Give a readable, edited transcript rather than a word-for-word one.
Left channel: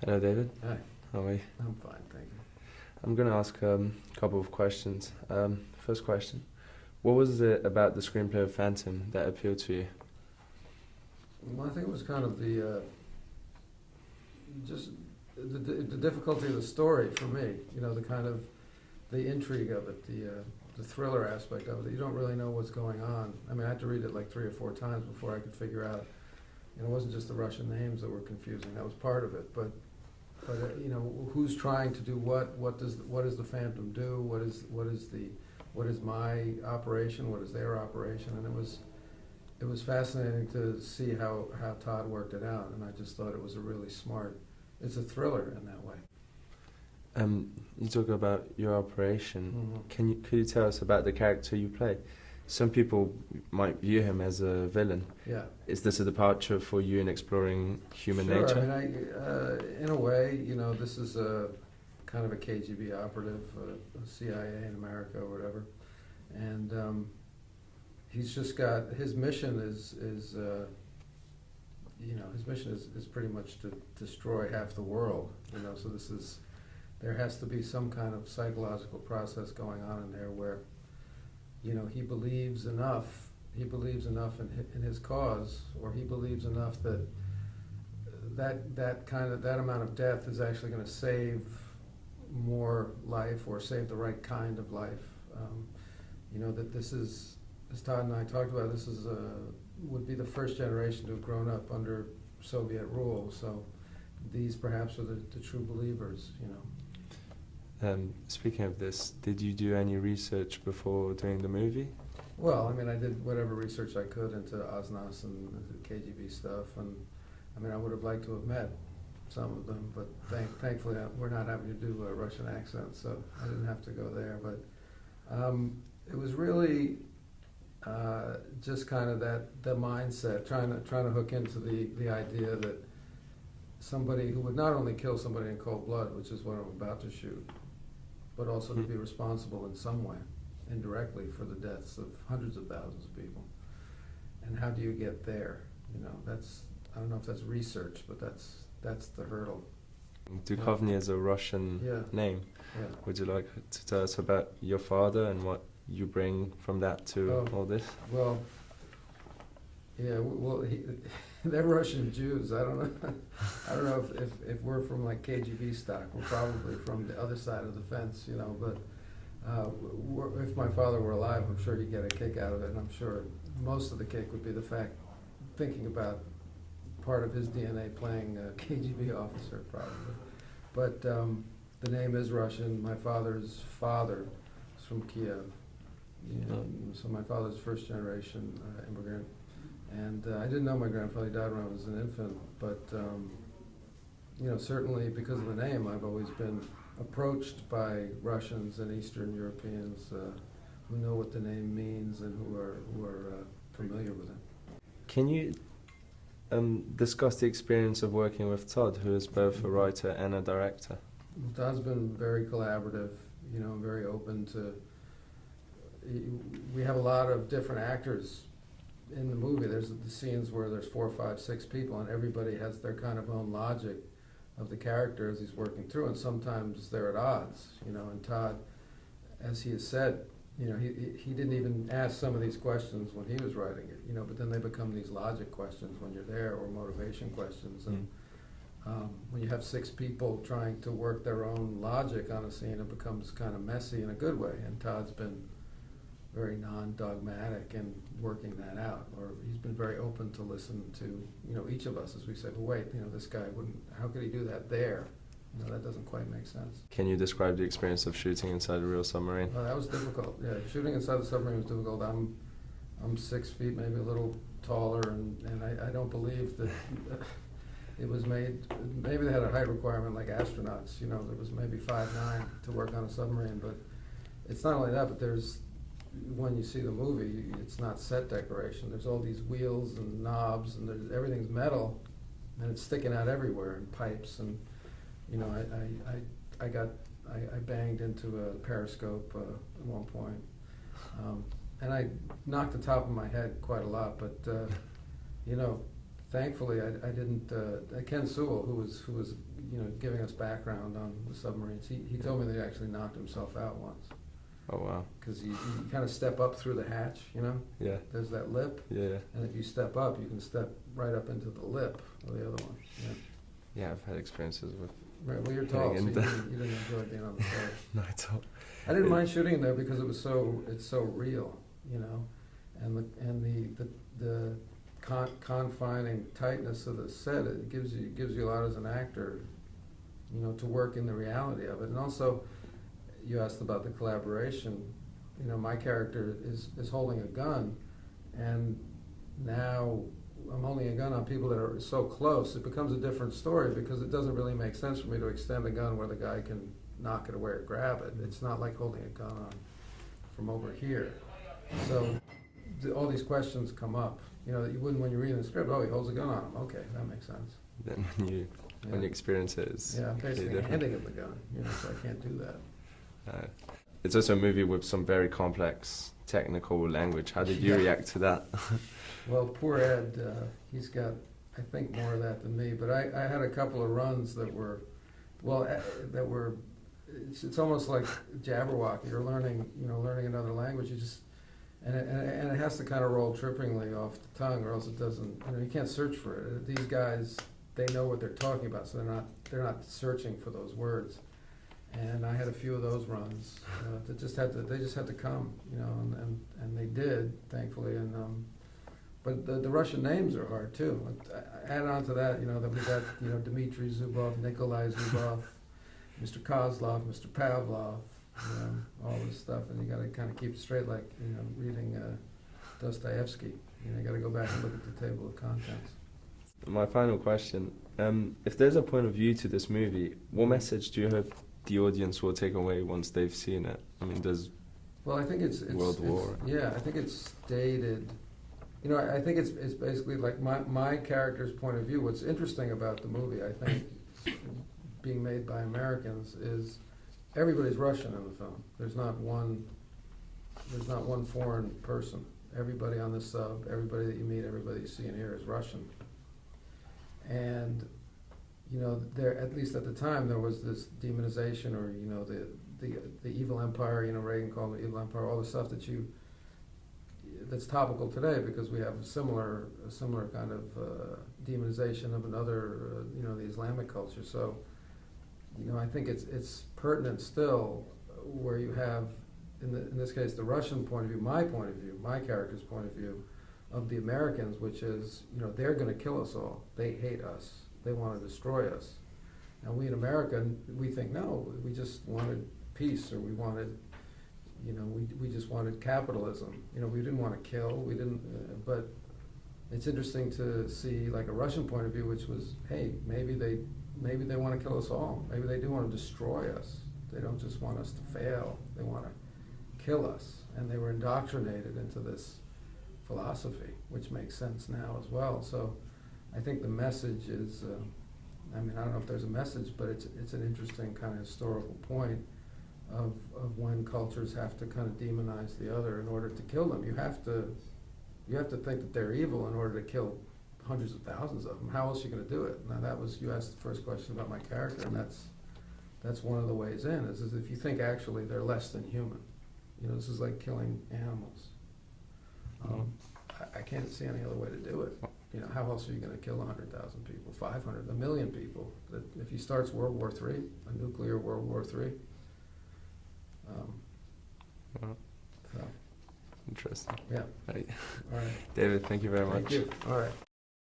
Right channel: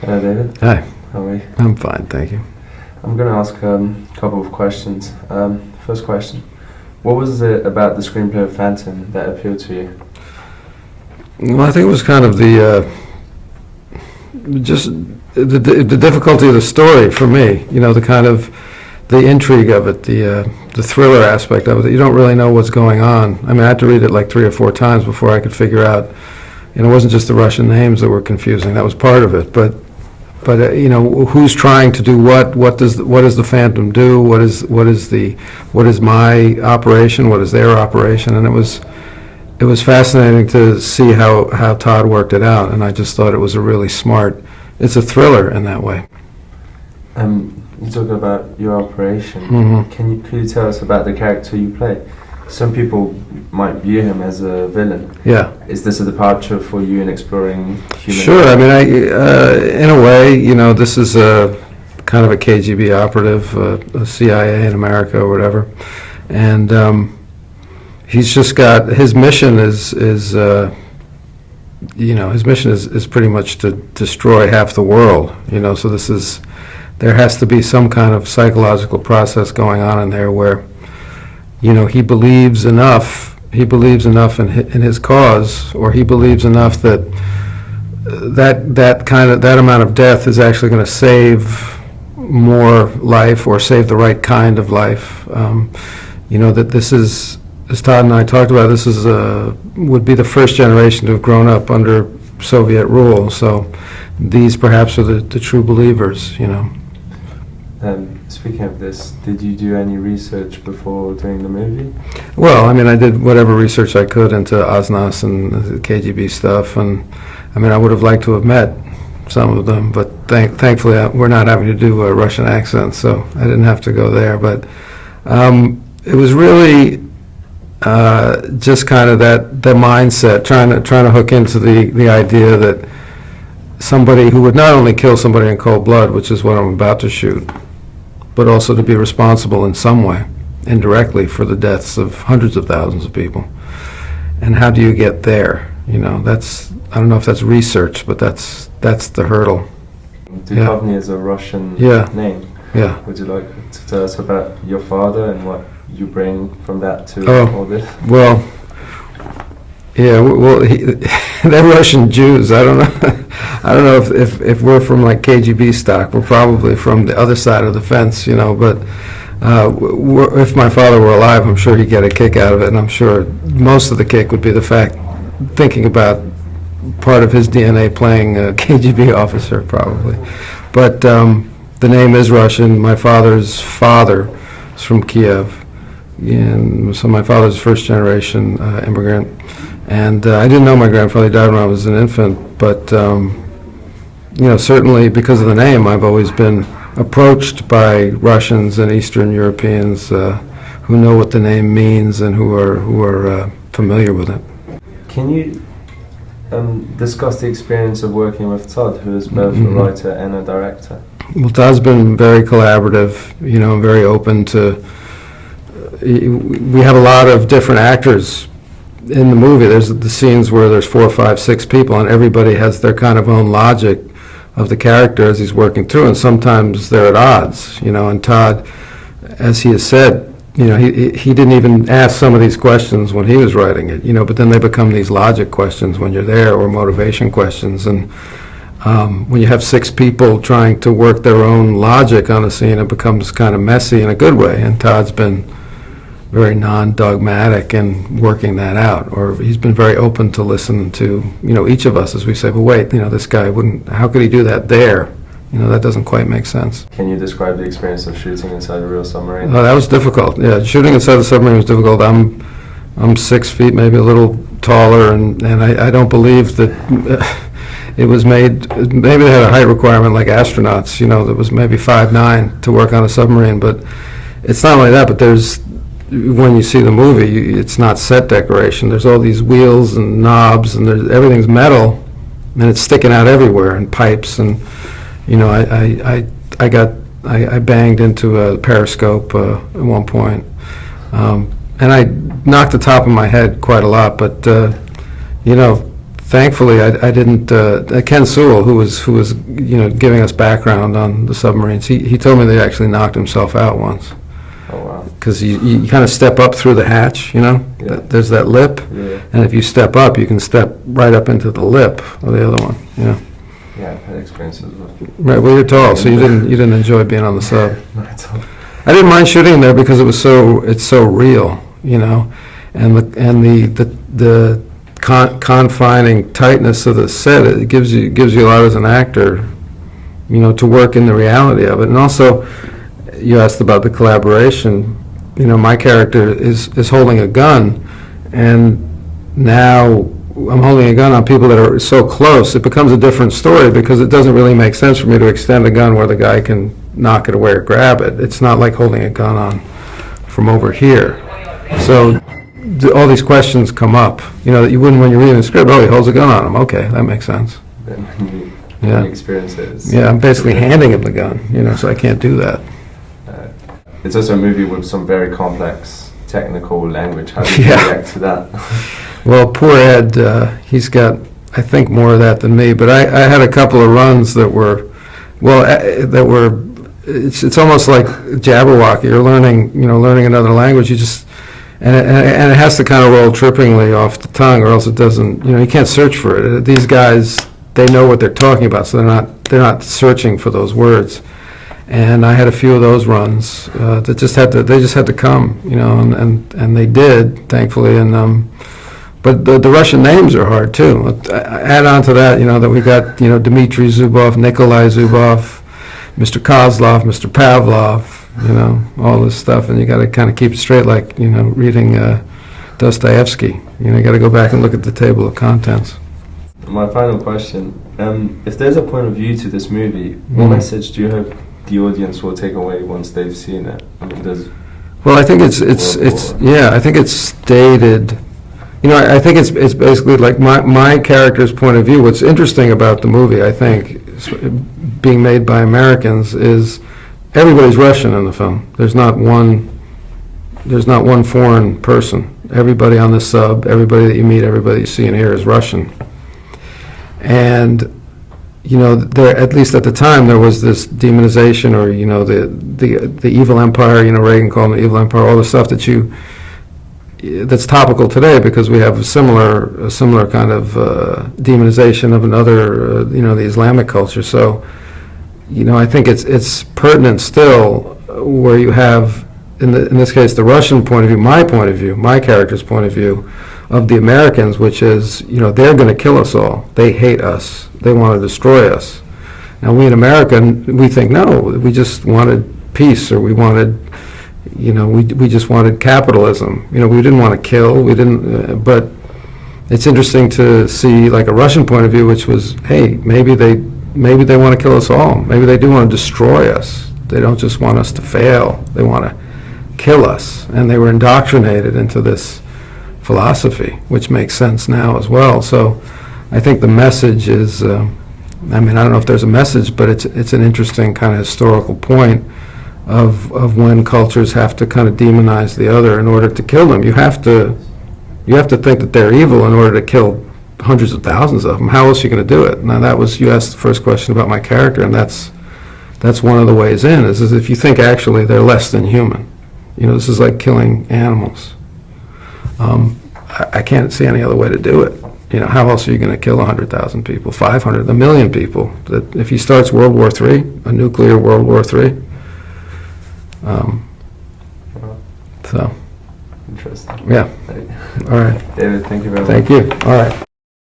Hello, David. Hi, How are you? I'm fine, thank you. I'm going to ask a couple of questions. First question: what was it about the screenplay of Phantom that appealed to you? Well, I think it was kind of just the difficulty of the story for me. You know, the kind of the intrigue of it, the thriller aspect of it. You don't really know what's going on. I mean, I had to read it like 3 or 4 times before I could figure out. And it wasn't just the Russian names that were confusing. That was part of it, but you know, who's trying to do what? What does the Phantom do? What is my operation? What is their operation? And it was fascinating to see how Todd worked it out. And I just thought it was a really smart. It's a thriller in that way. You talk about your operation. Mm-hmm. Could you tell us about the character you play? Some people might view him as a villain. Yeah. Is this a departure for you in exploring human? Sure. I mean, in a way, you know, this is a kind of a KGB operative, a CIA in America or whatever, and he's just got his mission is you know, his mission is pretty much to destroy half the world. You know, so there has to be some kind of psychological process going on in there where, you know, he believes enough in his cause, or he believes enough that that amount of death is actually going to save more life, or save the right kind of life. You know, that this is, as Todd and I talked about, this is would be the first generation to have grown up under Soviet rule. So these perhaps are the true believers, you know. Speaking of this, did you do any research before doing the movie? Well, I mean, I did whatever research I could into Osnas and the KGB stuff, and I mean, I would have liked to have met some of them, but thankfully we're not having to do a Russian accent, so I didn't have to go there. But it was really just kind of that mindset, trying to hook into the idea that somebody who would not only kill somebody in cold blood, which is what I'm about to shoot, but also to be responsible in some way, indirectly, for the deaths of hundreds of thousands of people. And how do you get there? You know, I don't know if that's research, but that's the hurdle. Duchovny is a Russian name. Yeah. Would you like to tell us about your father and what you bring from that to all this? Well, yeah, well, they're Russian Jews. I don't know. I don't know if we're from like KGB stock. We're probably from the other side of the fence, you know. But if my father were alive, I'm sure he'd get a kick out of it, and I'm sure most of the kick would be the fact, thinking about part of his DNA playing a KGB officer, probably. But the name is Russian. My father's father is from Kiev, and so my father's first-generation immigrant. And I didn't know my grandfather. He died when I was an infant, but you know, certainly because of the name, I've always been approached by Russians and Eastern Europeans who know what the name means and who are familiar with it. Can you discuss the experience of working with Todd, who is both a writer and a director? Well, Todd's been very collaborative, you know, very open to. We have a lot of different actors in the movie. There's the scenes where there's 4, 5, 6 people, and everybody has their kind of own logic of the character as he's working through, and sometimes they're at odds, you know. And Todd, as he has said, you know, he didn't even ask some of these questions when he was writing it, you know, but then they become these logic questions when you're there, or motivation questions. And when you have 6 people trying to work their own logic on a scene, it becomes kind of messy in a good way. And Todd's been very non-dogmatic in working that out, or he's been very open to listen to, you know, each of us as we say, well, wait, you know, this guy wouldn't, how could he do that there? You know, that doesn't quite make sense. Can you describe the experience of shooting inside a real submarine? Oh, that was difficult. Yeah, shooting inside the submarine was difficult. I'm 6 feet, maybe a little taller, and I don't believe that it was made, maybe they had a height requirement like astronauts, you know, that was maybe 5'9" to work on a submarine. But it's not only that, but there's, when you see the movie, it's not set decoration. There's all these wheels and knobs, and everything's metal, and it's sticking out everywhere, and pipes. And you know, I banged into a periscope at one point, and I knocked the top of my head quite a lot. But you know, thankfully, I didn't. Ken Sewell, who was giving us background on the submarines, he told me that he actually knocked himself out once. Oh wow. Because you kind of step up through the hatch, Yeah. There's that lip, Yeah. and if you step up, you can step right up into the lip of the other one. Yeah. Yeah, I've had experiences with. Right. Well, you're tall, so you didn't enjoy being on the sub. Not at all. I didn't mind shooting there because it's so real, and the confining tightness of the set, it gives you a lot as an actor, to work in the reality of it. And also, you asked about the collaboration. My character is holding a gun, and now I'm holding a gun on people that are so close. It becomes a different story because it doesn't really make sense for me to extend a gun where the guy can knock it away or grab it. It's not like holding a gun on from over here. So all these questions come up, that you wouldn't when you're reading the script. Oh, he holds a gun on him. Okay, that makes sense. Then when Yeah. you experience it. Yeah, I'm basically handing him the gun, so I can't do that. It's also a movie with some very complex technical language. How do you Yeah. react to that? Well, poor Ed, he's got, I think, more of that than me. But I had a couple of runs that were, it's almost like Jabberwocky. You're learning another language. You just, and it has to kind of roll trippingly off the tongue, or else it doesn't. You can't search for it. These guys, they know what they're talking about, so they're not searching for those words. And I had a few of those runs that they just had to come, and they did, thankfully. And but the Russian names are hard too. Add on to that, that we got Dmitry Zubov, Nikolai Zubov, Mr. Kozlov, Mr. Pavlov, all this stuff, and you got to kind of keep it straight, like reading Dostoevsky. You got to go back and look at the table of contents. My final question: if there's a point of view to this movie, what message do you hope the audience will take away once they've seen it? I mean, Well, I think it's I think it's stated. I think it's basically like my character's point of view. What's interesting about the movie, I think, being made by Americans, is everybody's Russian in the film. There's not one foreign person. Everybody on the sub, everybody that you meet, everybody you see and hear is Russian. And there, at least at the time, there was this demonization, or the evil empire. Reagan called it the evil empire. All the stuff that's topical today because we have a similar kind of demonization of another, the Islamic culture. So, I think it's pertinent still, where you have in this case the Russian point of view, my character's point of view of the Americans, which is they're going to kill us all. They hate us. They want to destroy us. Now we in America, we think, no, we just wanted peace, or we wanted, we just wanted capitalism. We didn't want to kill. We didn't. But it's interesting to see like a Russian point of view, which was, hey, maybe they want to kill us all. Maybe they do want to destroy us. They don't just want us to fail. They want to kill us. And they were indoctrinated into this philosophy, which makes sense now as well. So I think the message is, I don't know if there's a message, but it's an interesting kind of historical point of when cultures have to kind of demonize the other in order to kill them. You have to think that they're evil in order to kill hundreds of thousands of them. How else are you going to do it? Now you asked the first question about my character, and that's one of the ways in, is if you think actually they're less than human. This is like killing animals. I can't see any other way to do it. How else are you going to kill 100,000 people, 500, 1 million people? That if he starts World War III, a nuclear World War III. So, interesting. yeah. All right. David, thank you very much. Thank you. All right.